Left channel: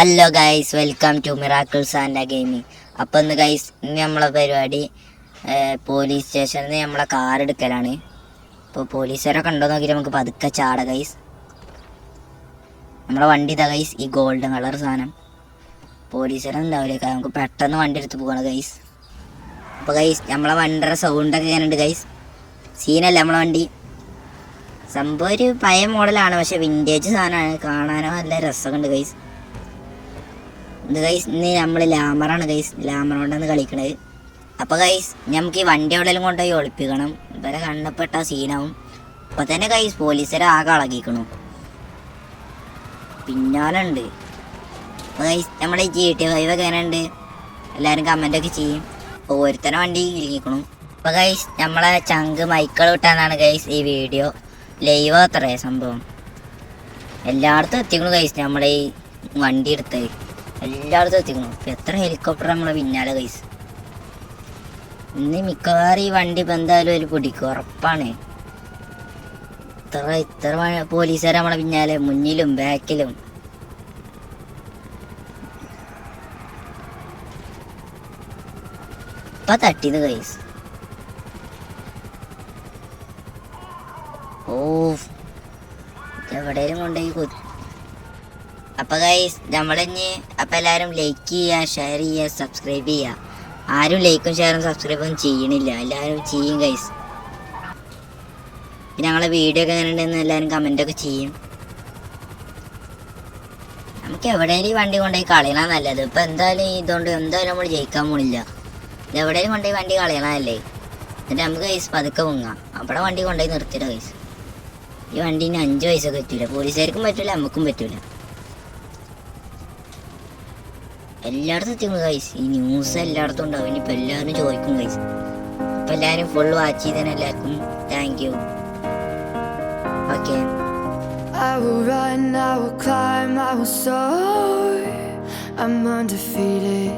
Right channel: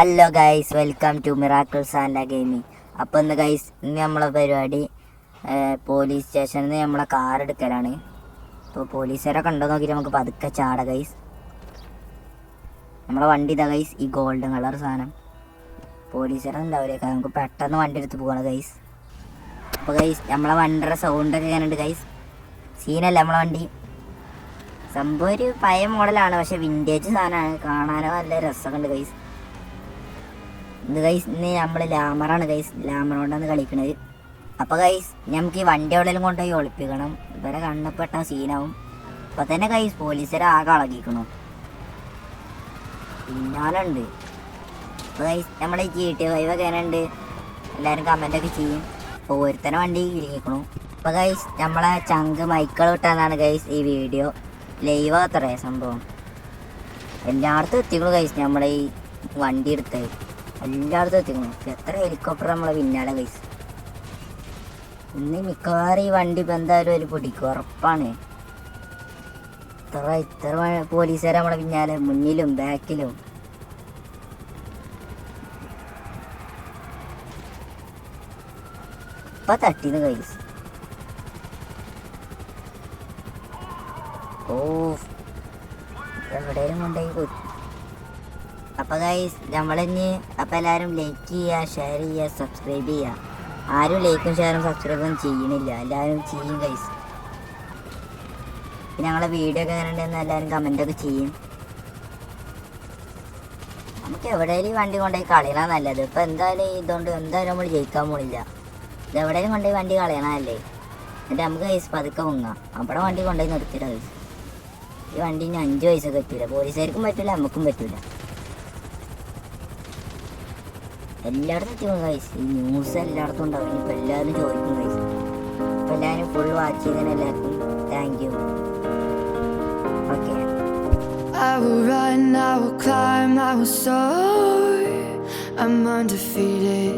Hello guys, welcome to miracles and gaming. അപ്പോൾ ഇന്ന് guys, ഇന്ന് നമ്മളെ പരിപാടി പോലീസ് സ്റ്റേഷനിൽ നിന്ന് നമ്മളെ കാർ എടുക്കലാണ്. ഇപ്പോൾ പോലീസുകാരൊക്കെ ഉണ്ടോ നോക്കി നമുക്ക് പതുക്കെ ചാട ഗൈസ്. നമ്മളെ വണ്ടി ഇതാ ഗൈസ്, ഈ ഗോൾഡൻ കളർ സാധനം. പോലീസുകാരെ ഉണ്ടാവില്ല, നമുക്ക് പെട്ടെന്ന് വണ്ടി എടുത്ത് പോകണം ഗൈസ്. അപ്പോൾ ഗൈസ്, നമ്മളെ വണ്ടിയുടെ സൗണ്ടൊക്കെ ഞാനുണ്ട് ഗൈസ്. സീനല്ല നമ്മളെ വണ്ടി. സംഭവം ഒരു പഴയ മോഡലാണ്, പക്ഷെ വിൻറ്റേജ് സാധനമാണ്. കാണാനോ നല്ല രസമുണ്ട് ഗൈസ്. ഇന്ന് നമ്മൾ ലാമറാണ് ഗൈസ്, ലാമറോണ്ടാണ് കളിക്കണത്. അപ്പോൾ ഗൈസ്, നമുക്ക് ഈ വണ്ടി എവിടെയെങ്കിലും കൊണ്ടുപോയി ഒളിപ്പിക്കണം. ഇവരെ കണ്ണപ്പെട്ട സീനാവും. അപ്പോൾ തന്നെ ഗൈസ്, പോലീസുകാരെ ആകെ അളകിക്കണം. പിന്നാലുണ്ട്. അപ്പോൾ ഗൈസ്, നമ്മുടെ GTA 5 ഒക്കെ എങ്ങനെയുണ്ട് എല്ലാവരും കമൻ്റൊക്കെ ചെയ്യും. അപ്പോൾ ഒരുത്തനെ വണ്ടി ഇരിക്കണം. അപ്പോൾ ഗൈസ്, നമ്മളെ ചങ്ക് മൈക്കിൾ വിട്ടാന്നാണ് ഗൈസ് ഈ വീഡിയോ ലൈവ് അത്രേ സംഭവം. എല്ലായിടത്തും എത്തിക്കണം ഗൈസ്. നമ്മളെ ഈ വണ്ടി എടുത്തത് എല്ലായിടത്തും എത്തിക്കണം. എത്ര ഹെലികോപ്റ്റർ നമ്മളെ പിന്നാലെ ഗൈസ്. ഇന്ന് മിക്കവാറും ഈ വണ്ടി ഇപ്പം എന്തായാലും അതിൽ പൊടിക്കും, ഉറപ്പാണ്. ഇത്ര പോലീസുകാരെ നമ്മളെ പിന്നാലെ മുന്നിലും ബാക്കിലും. ഇപ്പൊ തട്ടിയത് ഗൈസ്. ഓ, എവിടെയും കൊണ്ടുപോയി. അപ്പോൾ ഗൈസ്, നമ്മളിനി അപ്പോൾ എല്ലാവരും ലൈക്ക് ചെയ്യുക, ഷെയർ ചെയ്യുക, സബ്സ്ക്രൈബ് ചെയ്യുക. ആരും ലൈക്കും ഷെയറും സബ്സ്ക്രൈബും ചെയ്യണില്ല, എല്ലാവരും ചെയ്യും ഗൈസ്. പിന്നെ ഞങ്ങളെ വീഡിയോ ഒക്കെ എങ്ങനെ ഉണ്ടെന്ന് എല്ലാവരും കമൻറ്റൊക്കെ ചെയ്യും. നമുക്ക് എവിടെയും ഈ വണ്ടി കൊണ്ടുപോയി കളയണം നല്ലത്. ഇപ്പം എന്തായാലും ഇതുകൊണ്ട് എന്തായാലും നമ്മൾ ജയിക്കാൻ പോണില്ല. ഇത് എവിടെയും കൊണ്ടുപോയി വണ്ടി കളയണമല്ലേ. എന്നിട്ട് നമുക്ക് ഗൈസ് പതുക്കെ മുങ്ങാം. അവിടെ വണ്ടി കൊണ്ടുപോയി നിർത്തില്ല ഗൈസ്. ഈ വണ്ടീന് 5 വയസ്സൊക്കെ പറ്റില്ല. പോലീസുകാർക്കും പറ്റില്ല, നമുക്കും പറ്റില്ല. എല്ലായിടത്തും എത്തിക്കണം ഗൈസ്. ഈ ന്യൂസ് എല്ലായിടത്തും ഉണ്ടാവും. ഇനിയിപ്പോൾ എല്ലാവരും ചോദിക്കും ഗൈസ്. അപ്പം എല്ലാവരും ഫുൾ വാച്ച് ചെയ്തതിന് എല്ലാവർക്കും thank you. Okay. I will run, I will climb, I will soar. I'm undefeated.